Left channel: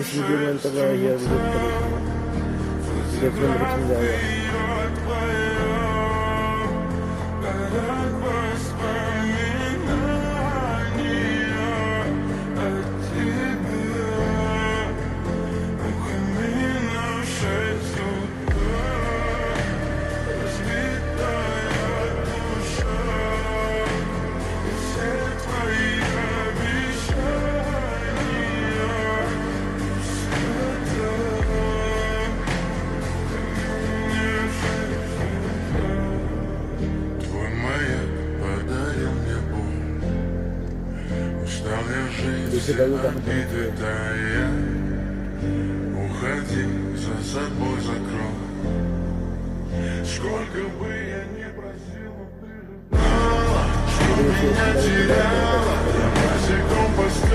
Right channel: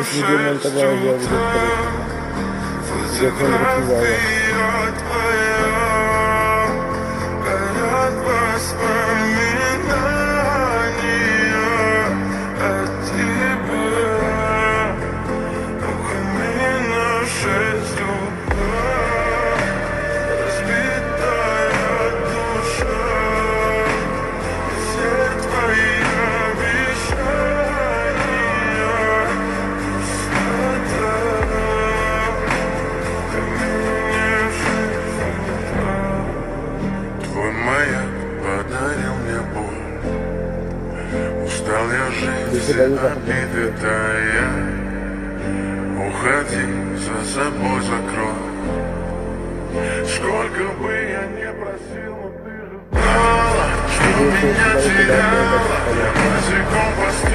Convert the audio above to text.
इस वीडियो में उनका गाया गया वीडियो देखने में कुछ आएगा। Устал я жить, обиды тая. Уходи, за собой закрой. Сколько бы я не просил, но ты же знала, что меня теряла. Я босиком по